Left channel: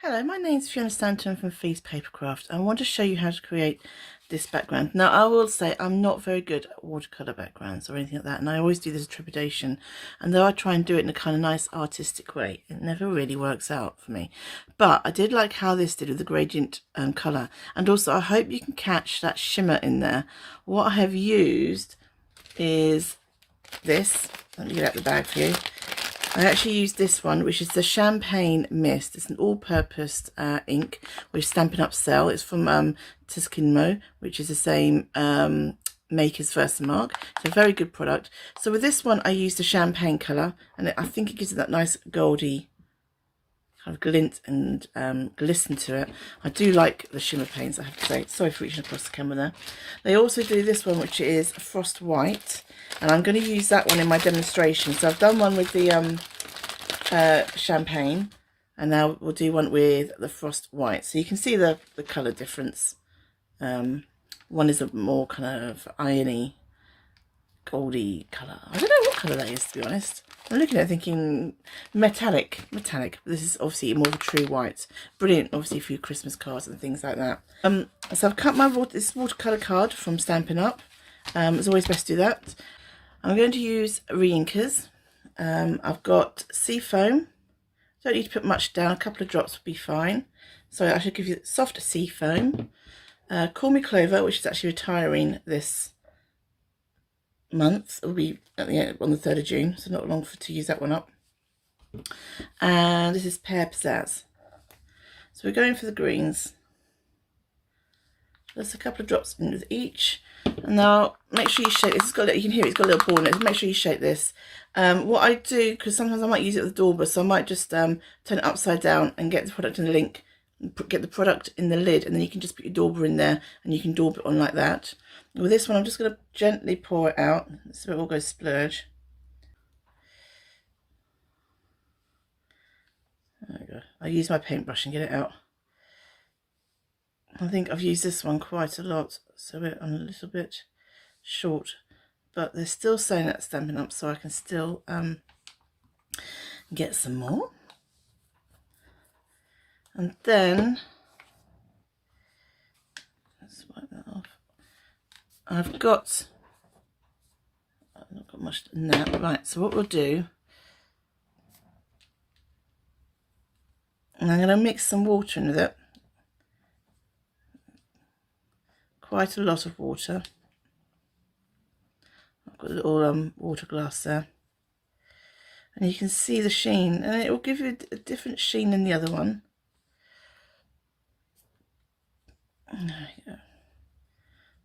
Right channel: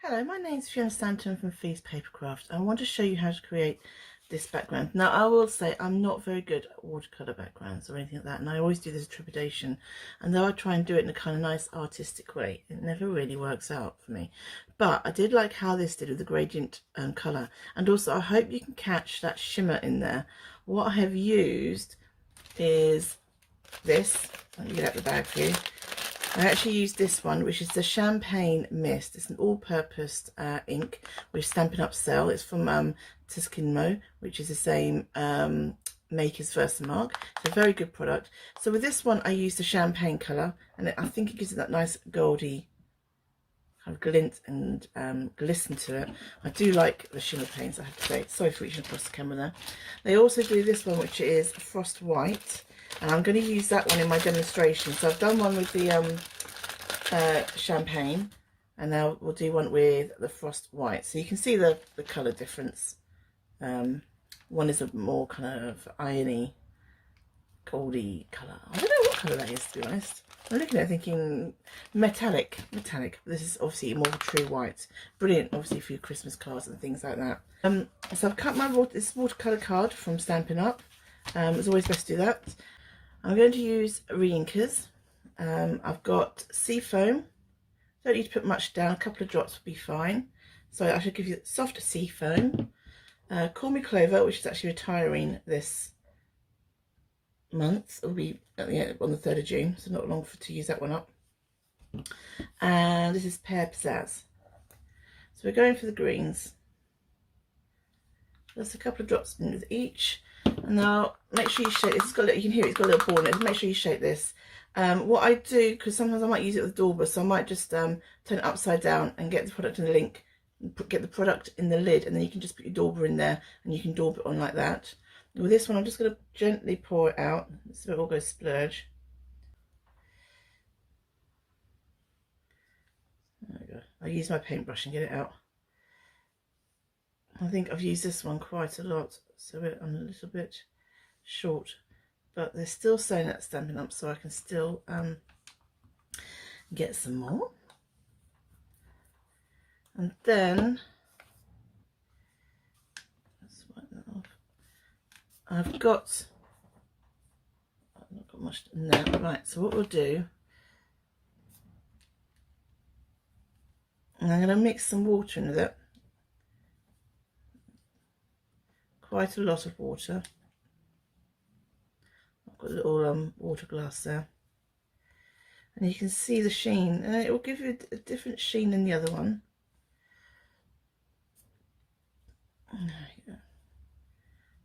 Hello, my name's Fiona Stanton from Papercraft. I want to show you how to create this background. Now, I will say I'm not very good at watercolour backgrounds or anything like that, and I always do this with trepidation. And though I try and do it in a kind of nice artistic way, it never really works out for me. But I did like how this did with the gradient colour, and also I hope you can catch that shimmer in there. What I have used is this. Let me get out the bag for you. I actually used this one, which is the Champagne Mist. It's an all-purpose ink with Stampin Up sell. It's from Tuscanmo, which is the same maker's Versamark. It's a very good product. So with this one, I used the champagne colour, and I think it gives it that nice goldy kind of glint and glisten to it. I do like the shimmer paints, I have to say. Sorry for reaching across the camera there. They also do this one, which is Frost White, and I'm going to use that one in my demonstration. So I've done one with the champagne, and now we'll do one with the Frost White. So you can see the colour difference. One is a more kind of irony, goldy colour. I don't know what colour that is, to be honest. I'm looking at it thinking metallic. This is obviously more of a true white. Brilliant, obviously, for your Christmas cards and things like that. So I've cut this watercolour card from Stampin' Up. It's always best to do that. I'm going to use re-inkers. I've got sea foam. Don't need to put much down. A couple of drops will be fine. So I should give you soft sea foam. Call Me Clover, which is actually retiring this month. It'll be at the end, on the 3rd of June, so not long to use that one up. And this is Pear Pizzazz. So we're going for the greens. Just a couple of drops in with each. And now make sure you shake this. It's got, you can hear it's got a little ball in it. Make sure you shake this. What I do, because sometimes I might use it with the dauber, so I might just turn it upside down and get the product in the link, get the product in the lid, and then you can just put your dauber in there and you can dauber it on like that. With this one, I'm just going to gently pour it out so it all goes splurge. There we go. I use my paintbrush and get it out. I think I've used this one quite a lot, so I'm a little bit short, but they're still saying that Stampin' Up, so I can still get some more. And then let's wipe that off. I've not got much in there. Right, so what we'll do, and I'm going to mix some water in with it. Quite a lot of water. I've got a little water glass there. And you can see the sheen, and it will give you a different sheen than the other one. There you go.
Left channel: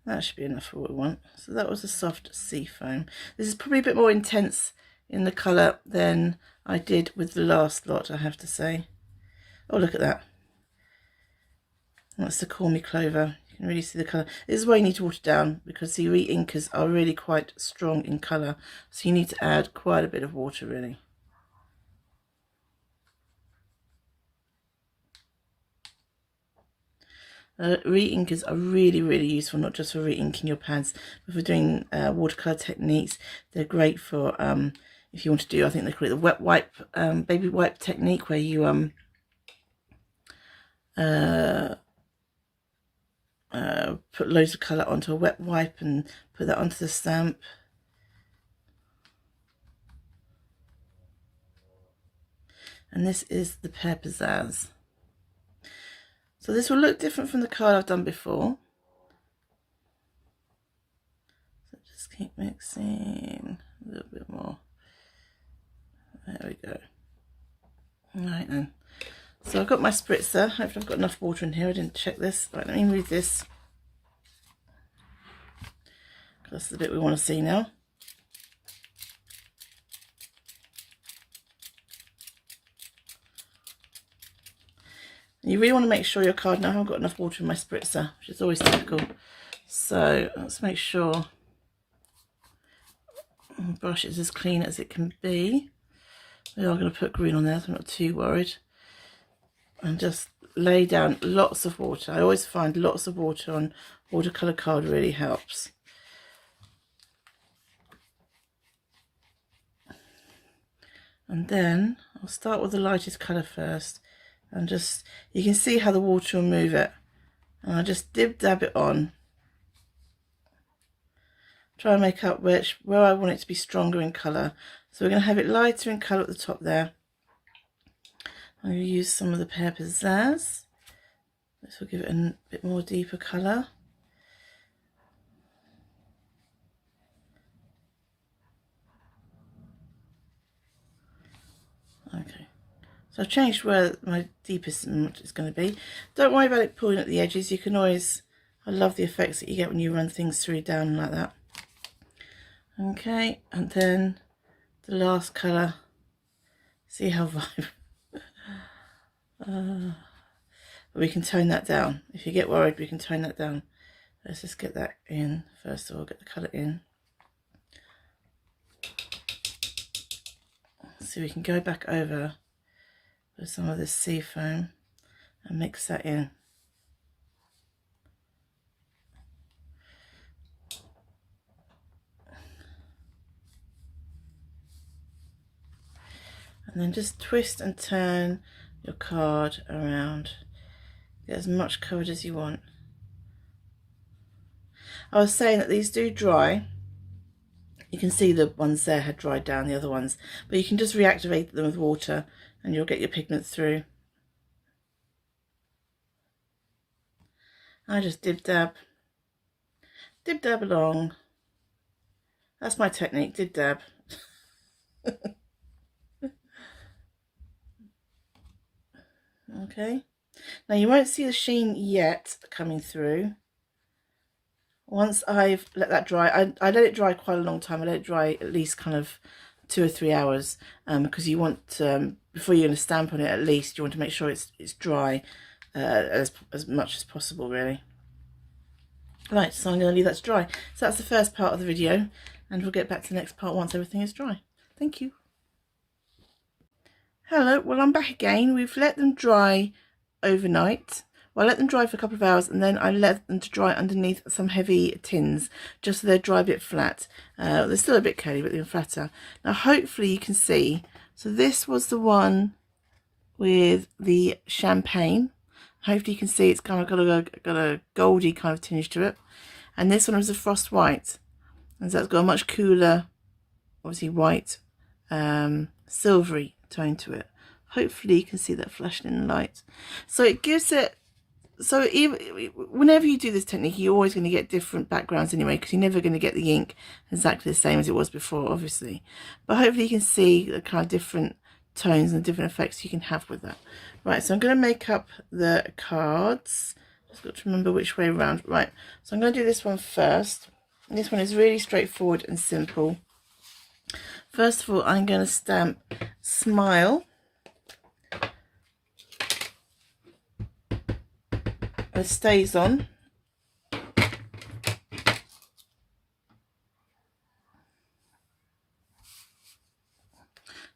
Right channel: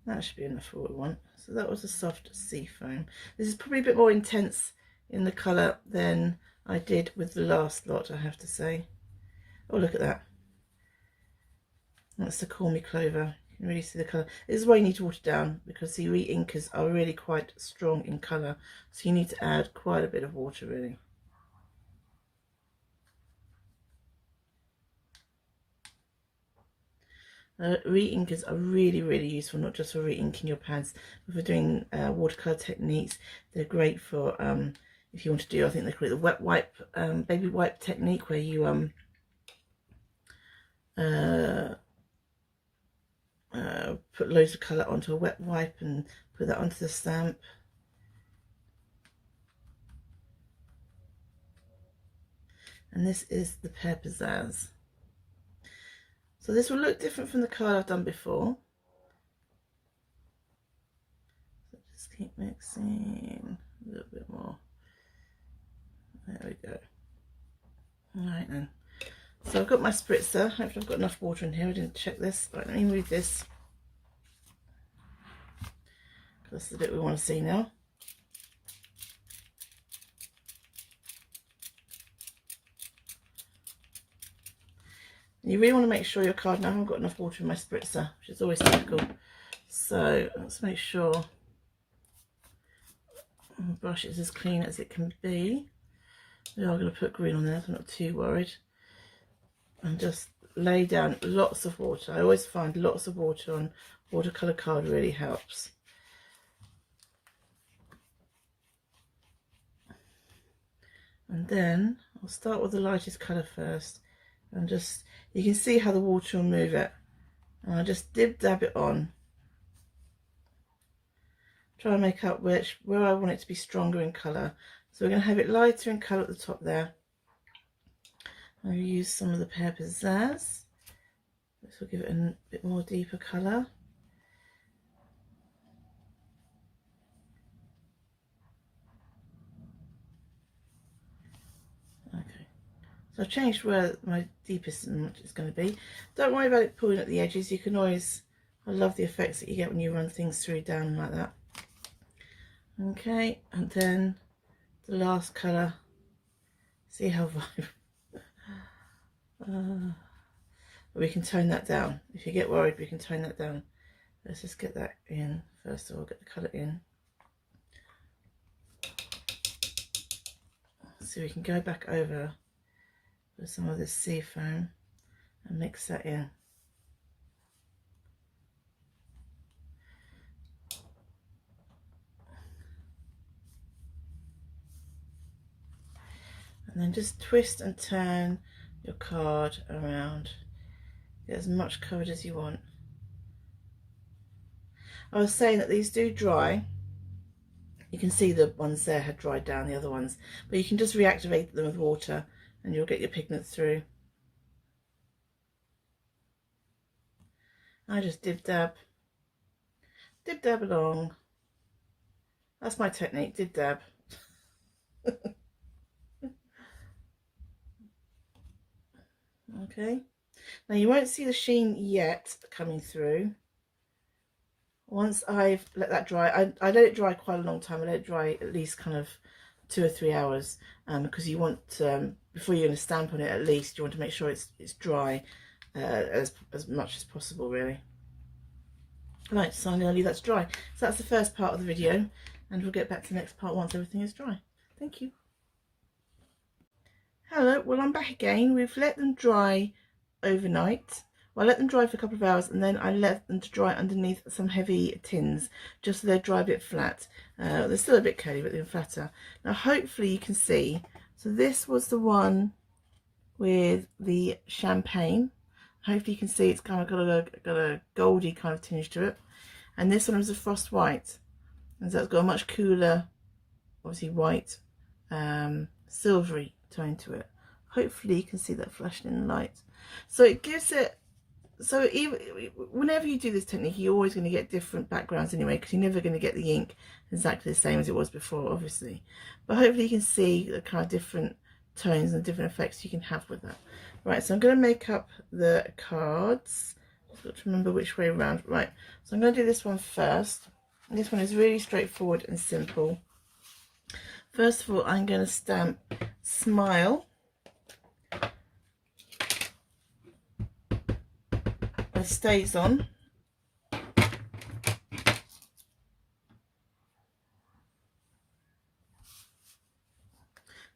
That should be enough for what we want. So that was a soft sea foam. This is probably a bit more intense in the colour than I did with the last lot, I have to say. Oh, look at that. That's the Call Me Clover. You can really see the colour. This is why you need to water down, because the re-inkers are really quite strong in colour. So you need to add quite a bit of water, really. Re-inkers are really useful, not just for re-inking your pads, but for doing watercolour techniques. They're great for if you want to do, I think they call it the wet wipe, baby wipe technique, where you put loads of colour onto a wet wipe and put that onto the stamp. And this is the Pear Pizzazz. So this will look different from the card I've done before. So just keep mixing a little bit more. There we go. Right then. So I've got my spritzer. Hopefully I've got enough water in here. I didn't check this. Right, let me move this. That's the bit we want to see now. You really want to make sure your card, now I haven't got enough water in my spritzer, which is always typical. So let's make sure the brush is as clean as it can be. We are going to put green on there, so I'm not too worried. And just lay down lots of water. I always find lots of water on watercolour card really helps. And then I'll start with the lightest colour first, and just, you can see how the water will move it, and I just dab it on, try and make up where I want it to be stronger in colour. So we're going to have it lighter in colour at the top there. I'm going to use some of the Pear Pizzazz. This will give it a bit more deeper colour. Okay, so I've changed where my deepest is going to be. Don't worry about it pulling at the edges. You can always, I love the effects that you get when you run things through down like that. Okay, and then the last colour. See how vibrant. We can tone that down. If you get worried, we can tone that down. Let's just get that in first of all, get the colour in. So we can go back over with some of this sea foam and mix that in. And then just twist and turn your card around. Get as much covered as you want. I was saying that these do dry. You can see the ones there had dried down, the other ones, but you can just reactivate them with water and you'll get your pigment through. I just dib dab along. That's my technique, dib dab. Okay, now you won't see the sheen yet coming through. Once I've let that dry, I let it dry quite a long time. I let it dry at least kind of 2 or 3 hours, because you want, before you're going to stamp on it, at least you want to make sure it's dry as much as possible, really. Right, so I'm going to leave that to dry. So that's the first part of the video, and we'll get back to the next part once everything is dry. Thank you. Hello, well, I'm back again. We've let them dry overnight. Well, I let them dry for a couple of hours, and then I let them to dry underneath some heavy tins, just so they're dry a bit flat. They're still a bit curly, but they're flatter. Now, hopefully you can see. So this was the one with the champagne. Hopefully you can see it's kind of got a goldy kind of tinge to it. And this one was a frost white. And so it's got a much cooler, obviously white, silvery tone to it. Hopefully you can see that flashing in the light. So it gives it, so even whenever you do this technique, you're always going to get different backgrounds anyway, because you're never going to get the ink exactly the same as it was before, obviously. But hopefully you can see the kind of different tones and different effects you can have with that. Right, so I'm going to make up the cards. Just got to remember which way around. Right, so I'm going to do this one first. And this one is really straightforward and simple. First of all, I'm going to stamp Smile with Stays On.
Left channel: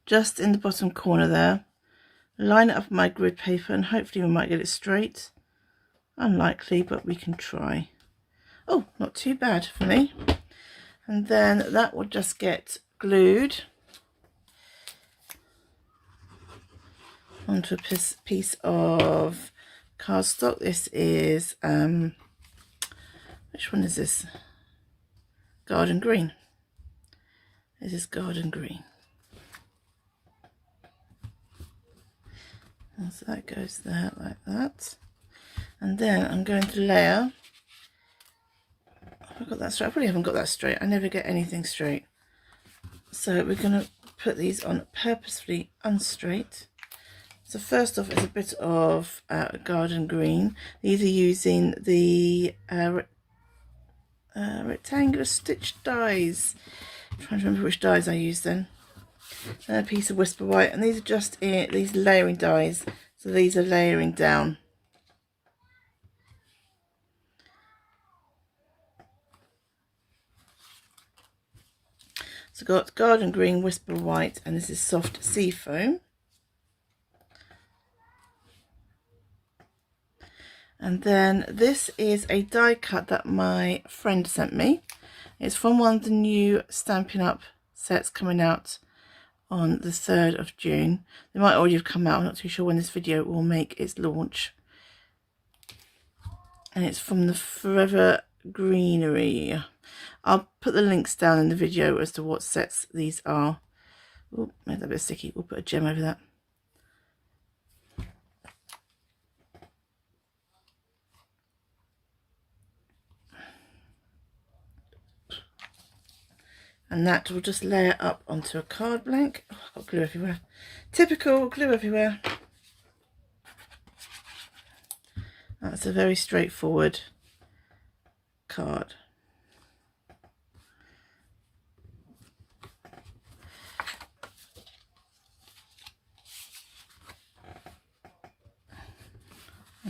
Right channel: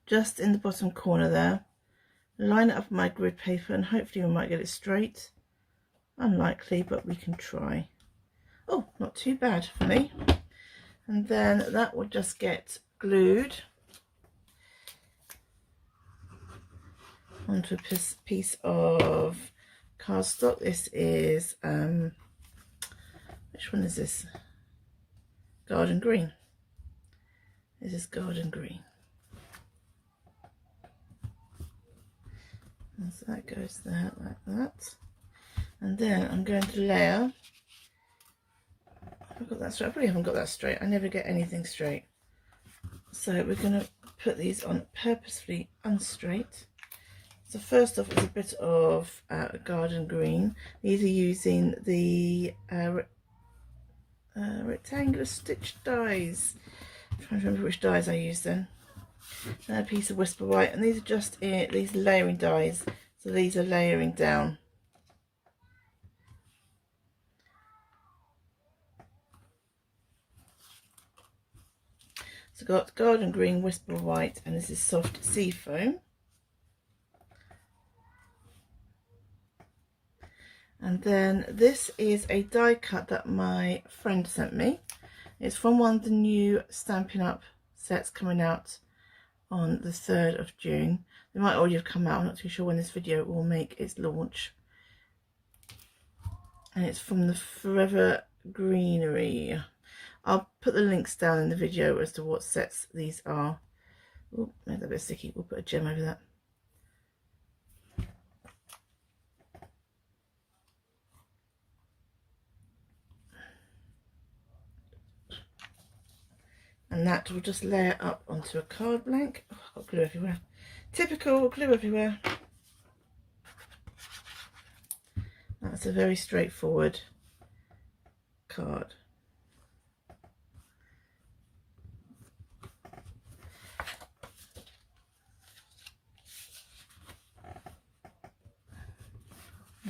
Just in the bottom corner there. Line it up with my grid paper, and hopefully we might get it straight. Unlikely, but we can try. Oh, not too bad for me. And then that will just get glued onto a piece of cardstock. This is, which one is this? Garden Green. This is Garden Green. And so that goes there like that. And then I'm going to layer. Have I got that straight? I probably haven't got that straight. I never get anything straight. So we're going to put these on purposefully unstraight. So first off is a bit of Garden Green. These are using the rectangular stitch dies. I'm trying to remember which dies I used then. A piece of Whisper White, and these are just these layering dies. So these are layering down. So I've got Garden Green, Whisper White, and this is Soft Sea Foam. And then this is a die cut that my friend sent me. It's from one of the new Stampin' Up sets coming out on the 3rd of June. They might already have come out. I'm not too sure when this video will make its launch. And it's from the Forever Greenery. I'll put the links down in the video as to what sets these are. Oh, made that a bit sticky. We'll put a gem over that. And that will just layer up onto a card blank. Oh, I've got glue everywhere. Typical glue everywhere. That's a very straightforward card.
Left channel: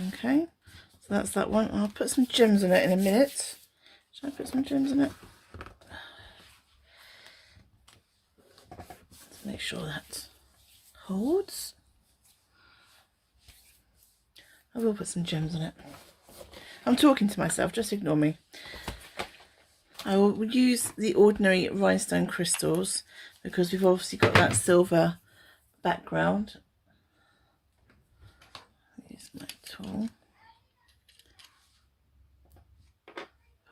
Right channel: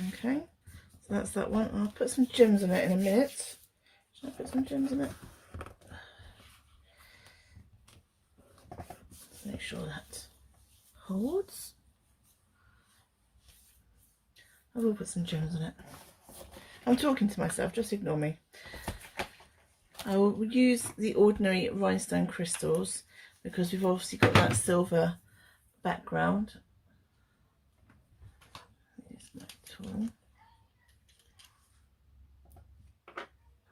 Okay, so that's that one. I'll put some gems on it in a minute. Should I put some gems on it? Let's make sure that holds. I will put some gems on it. I'm talking to myself, just ignore me. I will use the ordinary rhinestone crystals because we've obviously got that silver background. Use my tool.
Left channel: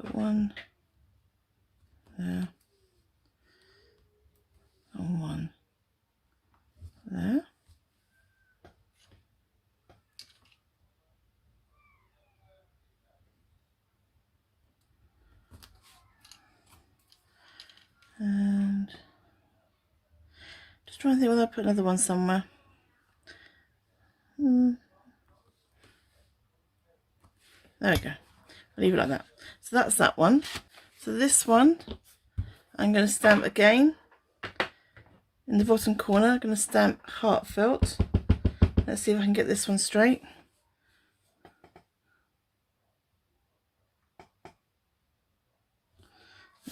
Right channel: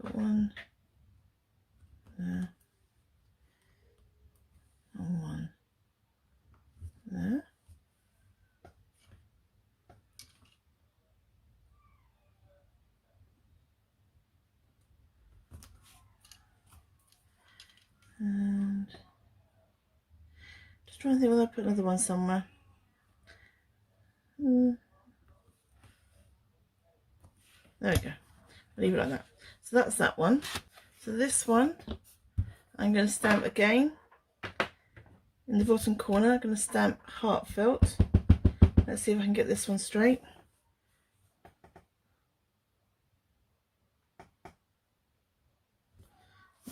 Put one there and one there. And just trying to think whether I'll put another one somewhere. There we go. I'll leave it like that. So that's that one. So this one I'm going to stamp again in the bottom corner. I'm going to stamp heartfelt. Let's see if I can get this one straight.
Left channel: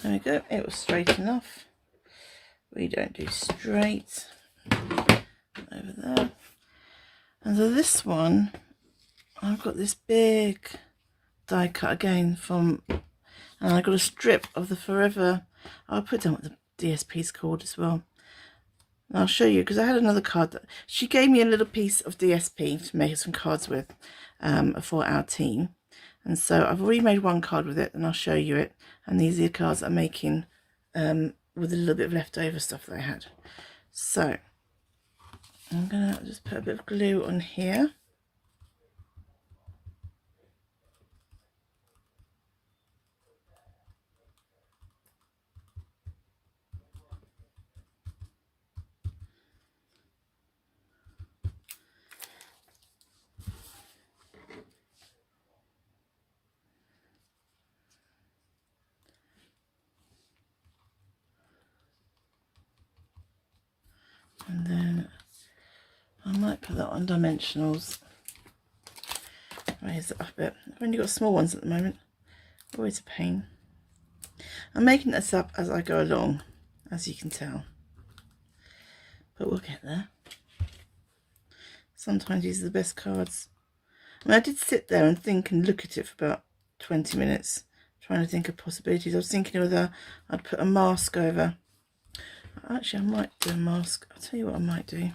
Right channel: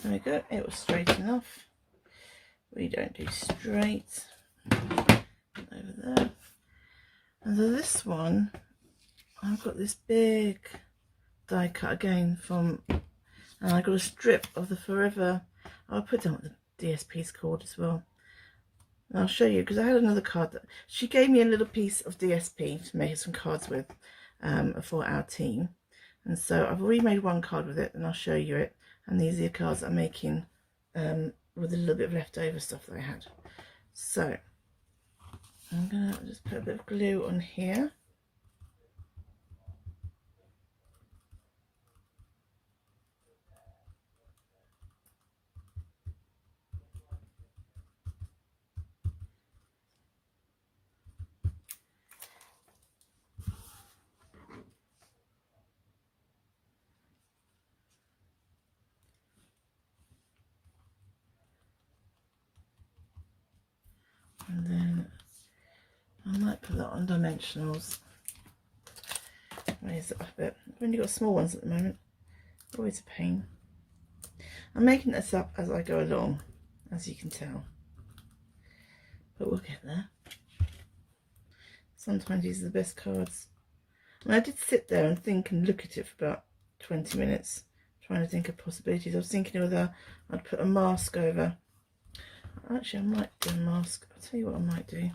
There we go, it was straight enough. We don't do straight. Over there. And so this one, I've got this big die cut again from, and I've got a strip of the Forever. I'll put down what the DSP is called as well. And I'll show you, because I had another card that she gave me a little piece of DSP to make some cards with for our team. And so I've already made one card with it, and I'll show you it. And these are the cards I'm making with a little bit of leftover stuff that I had. So I'm going to just put a bit of glue on here. And then I might put that on dimensionals. Raise it up a bit. I've only got small ones at the moment. Always a pain. I'm making this up as I go along, as you can tell. But we'll get there. Sometimes these are the best cards. I mean, I did sit there and think and look at it for about 20 minutes, trying to think of possibilities. I was thinking whether I'd put a mask over. Actually, I might do a mask. I'll tell you what I might do.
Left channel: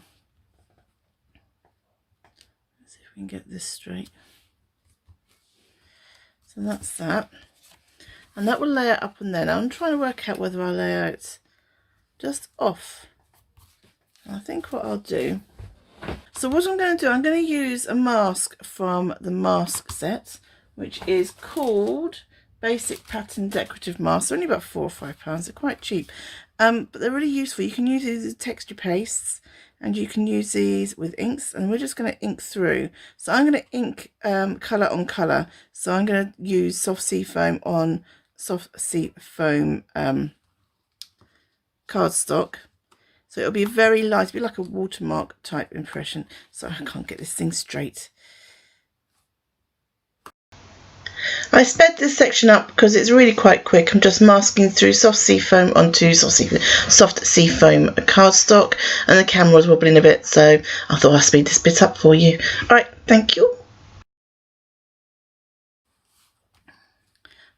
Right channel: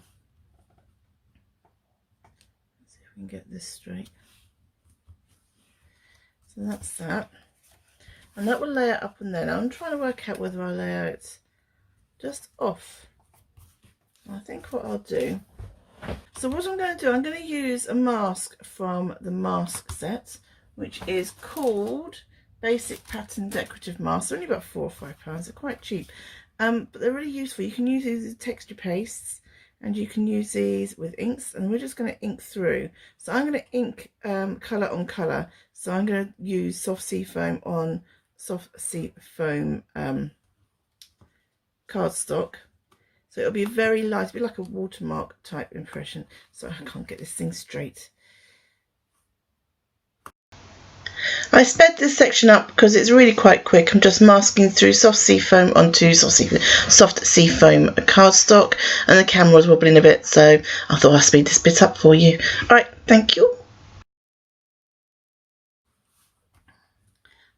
Let's see if we can get this straight. So that's that. And that will lay it up and then. I'm trying to work out whether I lay out just off. And I think what I'll do. So what I'm going to do, I'm going to use a mask from the mask set, which is called Basic Pattern Decorative Masks. They're only about £4 or £5. They're quite cheap. But they're really useful. You can use these as texture pastes, and you can use these with inks, and we're just going to ink through. So I'm going to ink colour on colour. So I'm going to use soft sea foam on soft sea foam cardstock. So it'll be very light, it'll be like a watermark type impression. So I can't get this thing straight. I sped this section up because it's really quite quick. I'm just masking through soft sea foam onto soft sea foam cardstock, and the camera was wobbling a bit, so I thought I'd speed this bit up for you. Alright, thank you.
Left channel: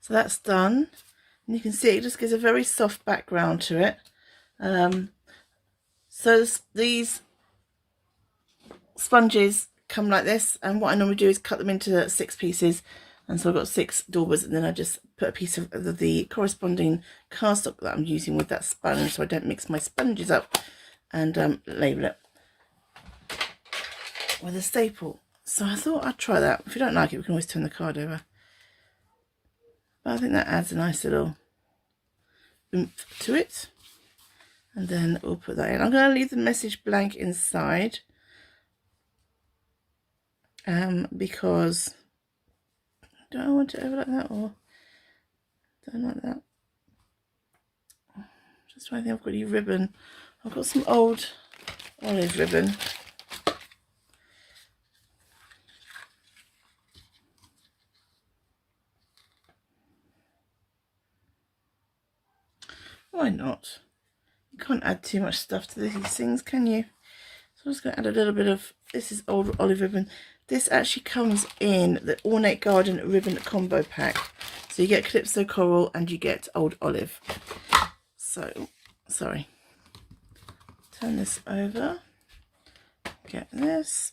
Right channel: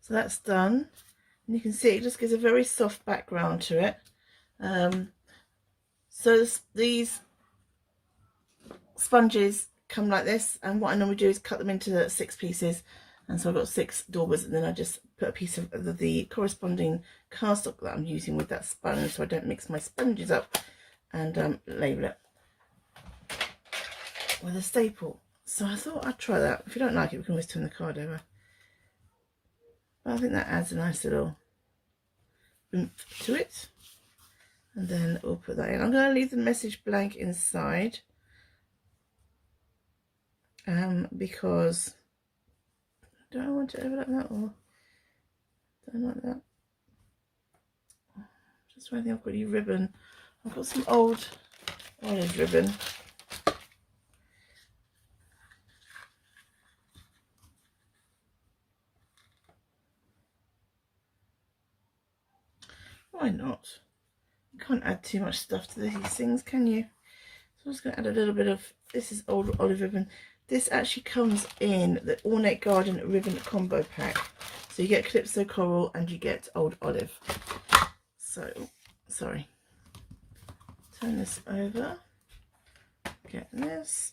So that's done, and you can see it just gives a very soft background to it. So these sponges come like this, and what I normally do is cut them into 6 pieces, and so I've got 6 daubers, and then I just put a piece of the corresponding cardstock that I'm using with that sponge, so I don't mix my sponges up, and label it with a staple. So I thought I'd try that. If you don't like it, we can always turn the card over, but I think that adds a nice little oomph to it. And then we'll put that in. I'm going to leave the message blank inside, because do I want it over like that, or don't like that? Just trying to think. I've got any ribbon. I've got some old olive ribbon. Why not? You can't add too much stuff to these things, can you? So I'm just going to add a little bit of, this is old olive ribbon. This actually comes in the Ornate Garden ribbon combo pack. So you get Calypso Coral and you get old olive. So, sorry. Turn this over. Get this.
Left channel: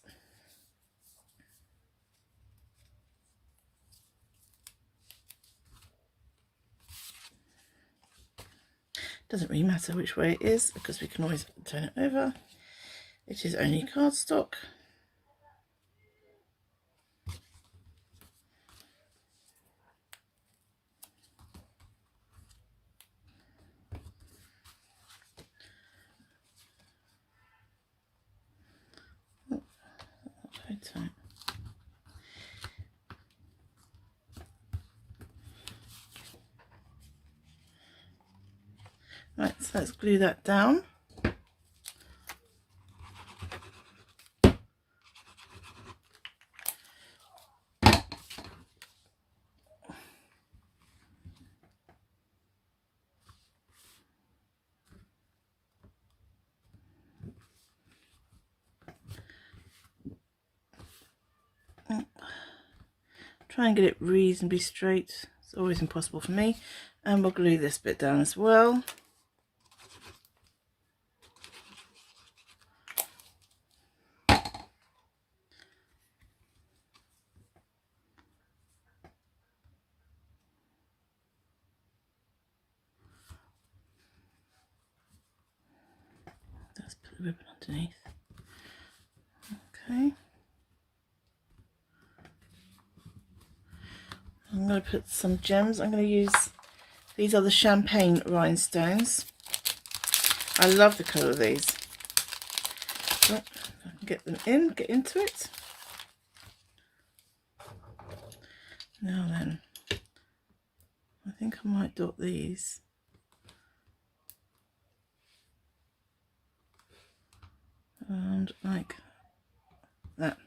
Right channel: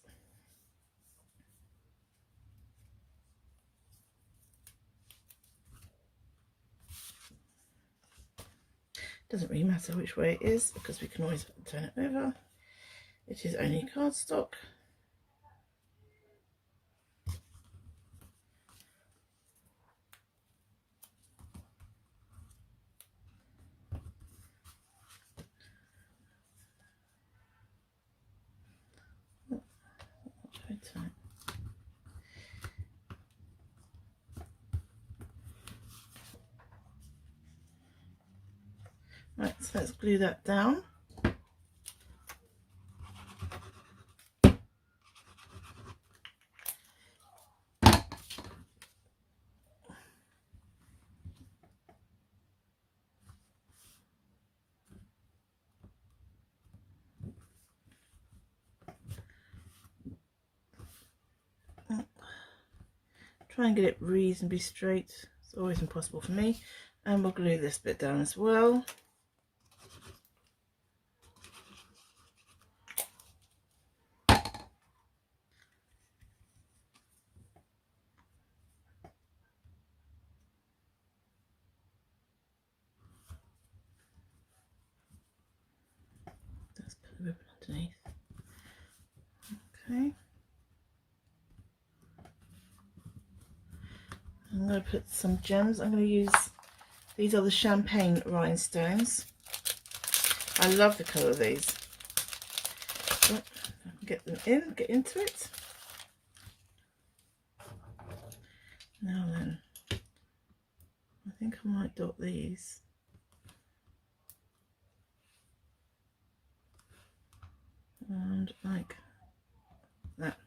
Doesn't really matter which way it is, because we can always turn it over. It is only cardstock. Oh, very tight. Right, so let's glue that down. Try and get it reasonably straight. It's always impossible for me. And we'll glue this bit down as well. Let's put the ribbon underneath. Okay. I'm going to put some gems. I'm going to use, these are the champagne rhinestones. I love the colour of these. Oh, get them in, get into it. Now then, I think I might dot these. And like that.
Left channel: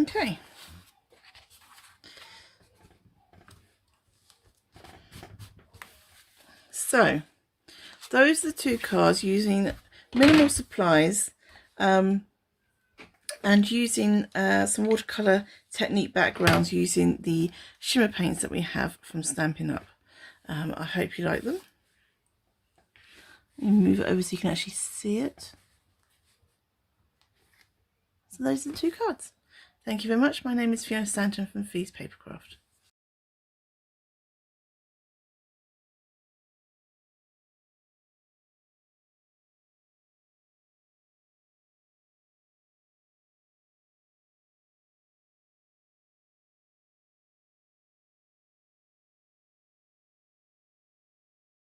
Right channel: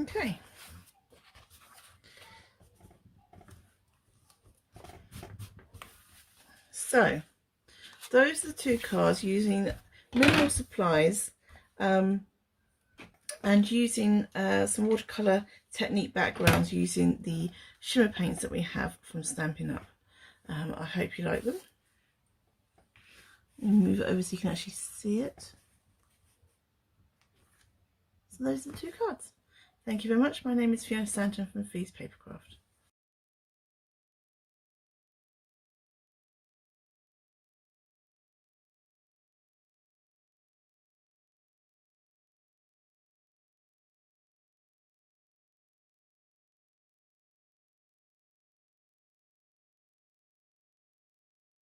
Okay. So those are the 2 cards using minimal supplies, and using some watercolour technique backgrounds, using the shimmer paints that we have from Stampin' Up. I hope you like them. Let me move it over so you can actually see it. So those are the 2 cards. Thank you very much. My name is Fiona Stanton from Papercraft.